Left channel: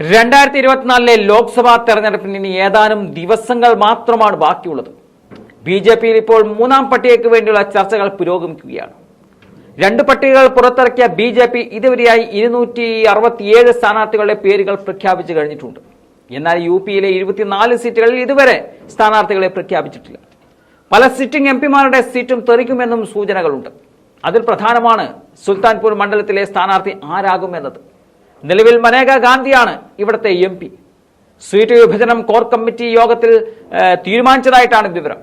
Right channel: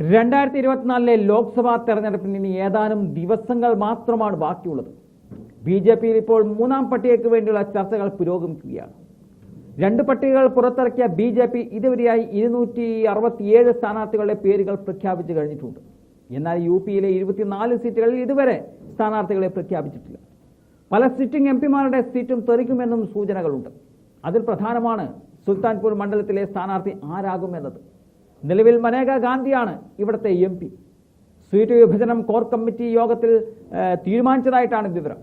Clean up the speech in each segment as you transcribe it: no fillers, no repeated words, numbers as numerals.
2024 ലോക്സഭാ തെരഞ്ഞെടുപ്പിന് ഇനി ഏതാനും ദിവസങ്ങൾ മാത്രമാണ് ബാക്കിയുള്ളത്. ബിജെപിയിൽ ഇപ്പോൾ മൂന്നാം പട്ടികയ്ക്ക് വേണ്ടിയുള്ള ചർച്ചകൾ പുരോഗമിക്കുകയാണ്. രണ്ട് പട്ടികകൾ പുറത്തിറക്കിയ ബിജെപി ഇതുവരെയായി 267 സ്ഥാനാർത്ഥികളുടെ പേരുകൾ പ്രഖ്യാപിച്ചു കഴിഞ്ഞിട്ടുണ്ട്. എന്നാൽ യുപിയിലെ 24 സീറ്റുകളിൽ ഇതുവരെ സ്ഥാനാർത്ഥികളെ പ്രഖ്യാപിച്ചിട്ടില്ല. പല സിറ്റിംഗ് എംപിമാരുടെ സീറ്റും തെറിക്കുമെന്നും സൂചനകളുണ്ട്. അതിൽ പ്രധാനമാണ് സുൽത്താൻപൂർ മണ്ഡലത്തിലെ സ്ഥാനാർത്ഥി ആരാകുമെന്നത്. നിലവിൽ മനേക ഗാന്ധിയാണ് ഇവിടുത്തെ MP. സീറ്റ് വിഭജനം കോർ കമ്മിറ്റി യോഗത്തിൽ തീരുമാനിച്ചതായിട്ടാണ് വിവരം.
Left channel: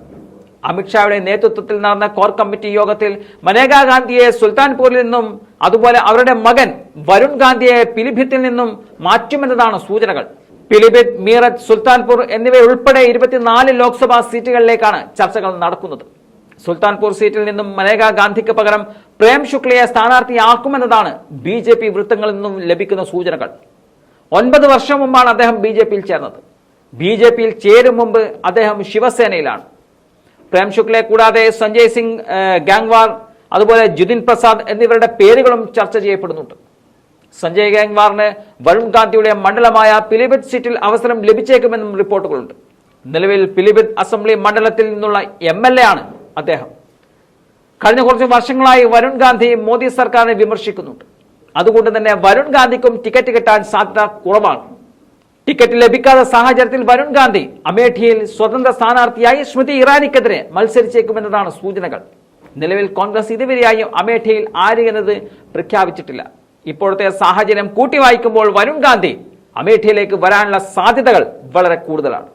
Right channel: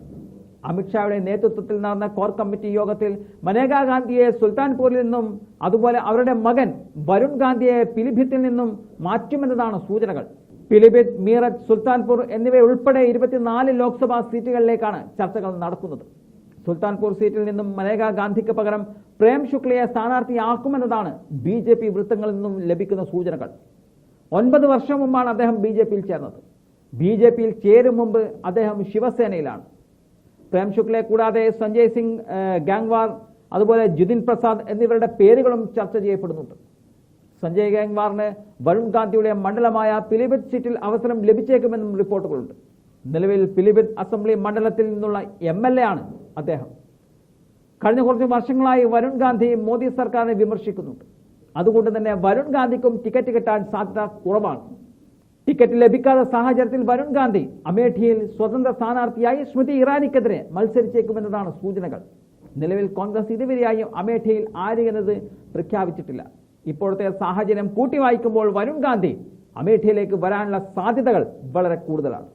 അമിത്ഷായുടെ നേതൃത്വത്തിൽ നടന്ന കോർ കമ്മിറ്റി യോഗത്തിൽ മനേക ഗാന്ധിയെ സുൽത്താൻപൂരിൽ നിന്നും അതുപോലെ അവരുടെ മകൻ വരുൺ ഗാന്ധിയെ പിലിഭിത്തിൽ നിന്നും മാറ്റുമെന്നതാണ് സൂചനകൾ. പിലിഭിത്ത്, മീററ്റ്, സുൽത്താൻപൂർ എന്നിവയുൾപ്പെടെ 24 ലോക്സഭാ സീറ്റുകളിലേക്കാണ് ചർച്ചകൾ നടക്കുന്നത്. സുൽത്താൻപൂർ സീറ്റിൽ നിന്നും മനേക ഗാന്ധിക്ക് പകരം പ്രേം ശുക്ലയെ സ്ഥാനാർത്ഥിയാക്കുമെന്നതാണ് BJP വൃത്തങ്ങളിൽ നിന്നും ലഭിക്കുന്ന സൂചനകൾ. 9 വർഷം മുമ്പാണ് അദ്ദേഹം BJPയിൽ ചേർന്നത്. BJPയിൽ ചേരും മുമ്പ് അദ്ദേഹം ശിവസേനയിലാണ്. പ്രേം ശുക്ലയെ കൂടാതെ സഞ്ജയ് സിംഗ് ഗാംഗ്വാർ, അതുപോലെ ജിതിൻ പ്രസാദ് എന്നിവരുടെ പേരുകളും ചർച്ച ചെയ്യപ്പെടുന്നുണ്ട്. സഞ്ജയ് ഗാംഗ്വാറിന് വരുൺ ഗാന്ധിയുടെ മണ്ഡലമായ പിലിഭിത്ത് സീറ്റിൽ അവസരം ലഭിച്ചേക്കുമെന്നും റിപ്പോർട്ടുകളുണ്ട്. നിലവിൽ പിലിഭിത്ത് അസംബ്ലി മണ്ഡലത്തിൽ നിന്നുള്ള MLA ആണ് അദ്ദേഹം. കഴിഞ്ഞ കുറച്ച് വർഷങ്ങളായി വരുൺ ഗാന്ധി മോദി സർക്കാരിനെ വിമർശിക്കുന്നുണ്ട്. അതുകൊണ്ട് തന്നെ വരുൺ ഗാന്ധിക്കും ടിക്കറ്റ് കിട്ടാൻ സാധ്യത കുറവാണ്. ടിക്കറ്റ് ലഭിക്കാത്ത സാഹചര്യത്തിൽ വരുൺ ഗാന്ധി അമേഠിയിൽ സ്വതന്ത്ര സ്ഥാനാർത്ഥിയായി സ്മൃതി ഇറാനിക്കെതിരെ മത്സരിച്ചേക്കുമെന്നതാണ് സൂചനകൾ. നിലവിൽ കോൺഗ്രസ് ഇതുവരെയായും അമേഠിയിൽ ആര് എന്നത് പ്രഖ്യാപിച്ചിട്ടില്ല. ഇപ്പോഴത്തെ സാഹചര്യം കൂട്ടി വായിക്കുമ്പോൾ വരുൺ ഗാന്ധി അമേഠിയിലേക്ക് വരാനുള്ള സാധ്യതകൾ വളരെ കൂടുതലാണ്.